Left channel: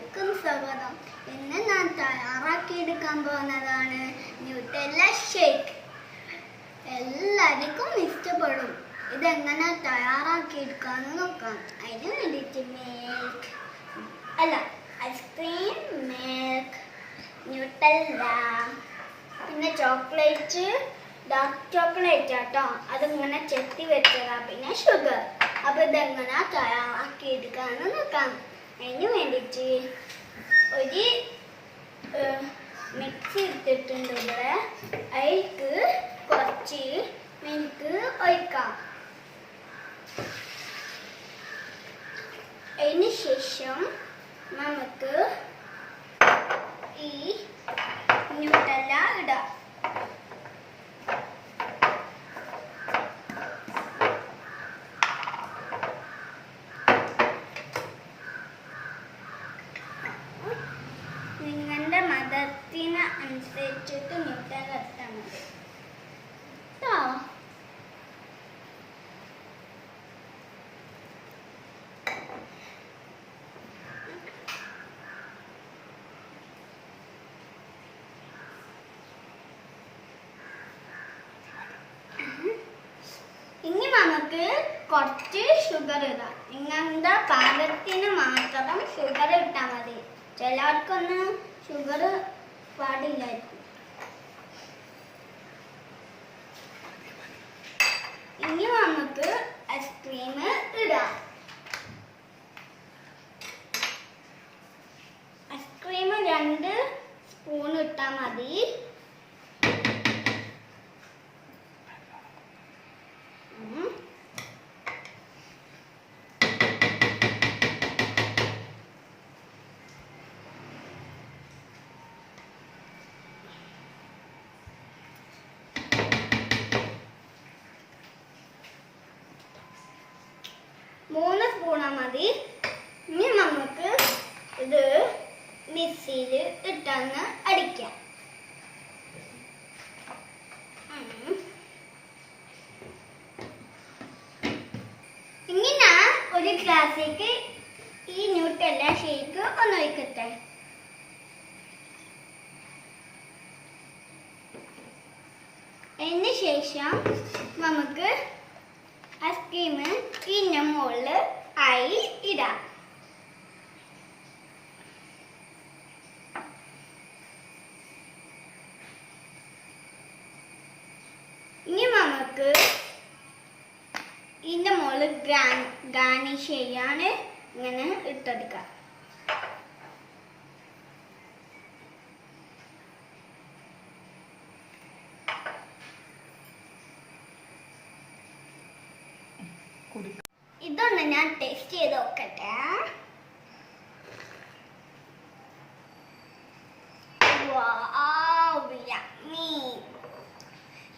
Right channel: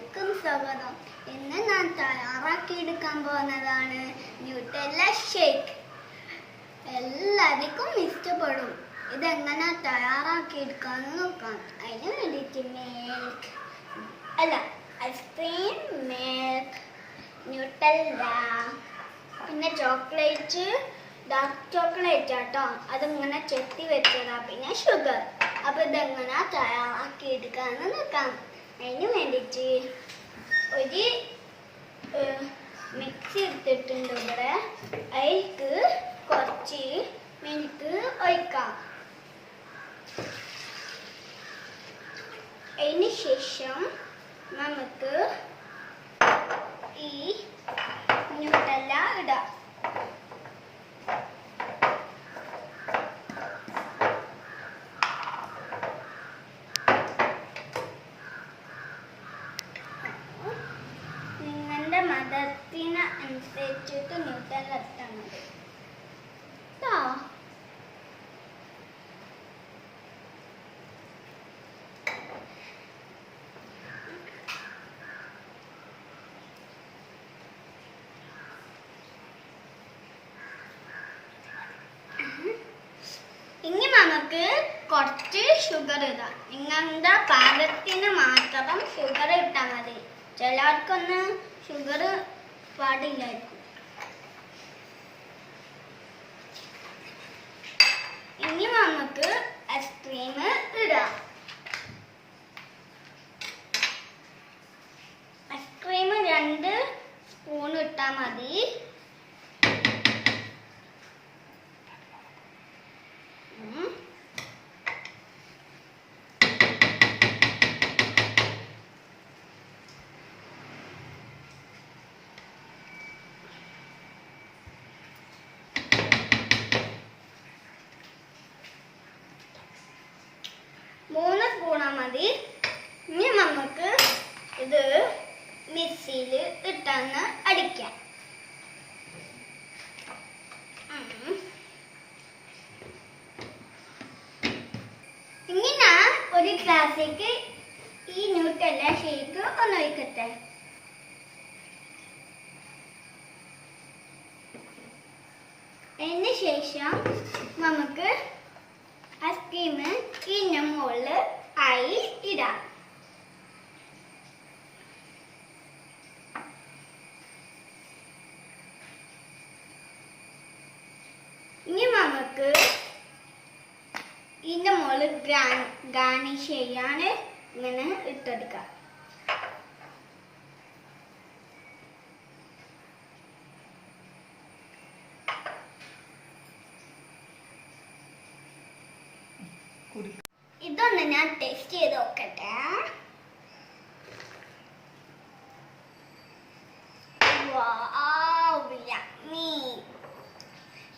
എല്ലാവർക്കും സ്വാഗതം. ഇന്ന് ഞാൻ തയ്യാറാക്കിയെടുക്കാൻ പോകുന്നതാണ് ന്യൂട്ടെല്ല ഷേക്ക്. എല്ലാവർക്കും ഇഷ്ടപ്പെടും. ഇതെങ്ങനെ തയ്യാറാക്കിയെടുക്കാന്ന് നോക്കാം. അതിന് വേണ്ടിയിട്ട് ഐസ്ക്രീം, മിൽക്ക്, ന്യൂട്ടെല്ല, പിന്നെ ചോക്ലേറ്റ്, ഡാർക്ക് ചോക്ലേറ്റ് ആട്ടോ, അതിങ്ങനെ ചെത്തി വെച്ചതാ, പിന്നെ ഷുഗർ. അപ്പോൾ ഇതെങ്ങനെ തയ്യാറാക്കിയെടുക്കാന്ന് നോക്കാം. അതിന് വേണ്ടിയിട്ട് ഒരു മിക്സി എടുത്തിട്ടുണ്ട് ഇവിടെ. അതിലേക്ക് കുറച്ച് മിൽക്ക് ഒഴിക്കാം. അതിന് ശേഷം നമുക്ക് ഈ ന്യൂട്ടെല്ല ഇടാം. നിങ്ങളുടെ മതത്തിന് അനുസരിച്ചിട്ട് ന്യൂട്ടെല്ല ഇട്ടാൽ മതി. ഇനി നമുക്ക് കുറച്ച് ഷുഗർ ഇടാം. നിങ്ങളുടെ പാകത്തിന് മാത്രം ഷുഗർ ഇട്ടാൽ മതി. ചിലർക്കൊന്നും ഷുഗർ പാടില്ലായിരിക്കും. ഇനി നമുക്ക് ഐസ്ക്രീം ഇടാം. ഐസ്ക്രീം 2 സ്പൂൺ ഇട്ടാൽ മതി. മൂന്ന് സ്പൂണാ മതി. ഇനി നമുക്ക് ഇത് മിക്സിയിൽ ഇട്ടൊന്ന് അടിക്കാം. ഇനി ഞാൻ ഒരു ഗ്ലാസ്സിലേക്ക് ഈ ന്യൂട്ടെല്ല ഷേക്ക് ഒന്ന് ഒഴിക്കട്ടെ. അതിന് ശേഷം നമുക്ക് ഐസ്ക്രീം ഇതിൻ്റെ മുകളിൽ ആയി ഇടാം. ഇനി നമുക്ക് ഇതിൻ്റെ മുകളിൽ ഗാർണിഷ് ചെയ്യാൻ ഇങ്ങനെ ഇട്ടെടുക്കാം. ഇതൊന്ന് ഞാൻ ടേസ്റ്റ് ചെയ്ത് നോക്കട്ടെ.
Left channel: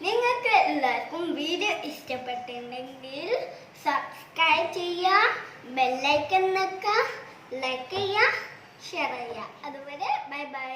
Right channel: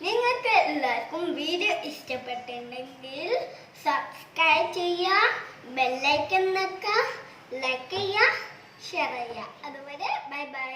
നിങ്ങൾക്ക് എല്ലാവർക്കും വീഡിയോ ഇഷ്ടപ്പെട്ടിട്ടുണ്ടെങ്കിൽ സബ്സ്ക്രൈബ് ചെയ്യുക, ബെല്ലൈക്കൺ നിൽക്കുക, ലൈക്ക് ചെയ്യുക, ഷെയർ ചെയ്യുക. അതുവരെ ബൈ ബൈ.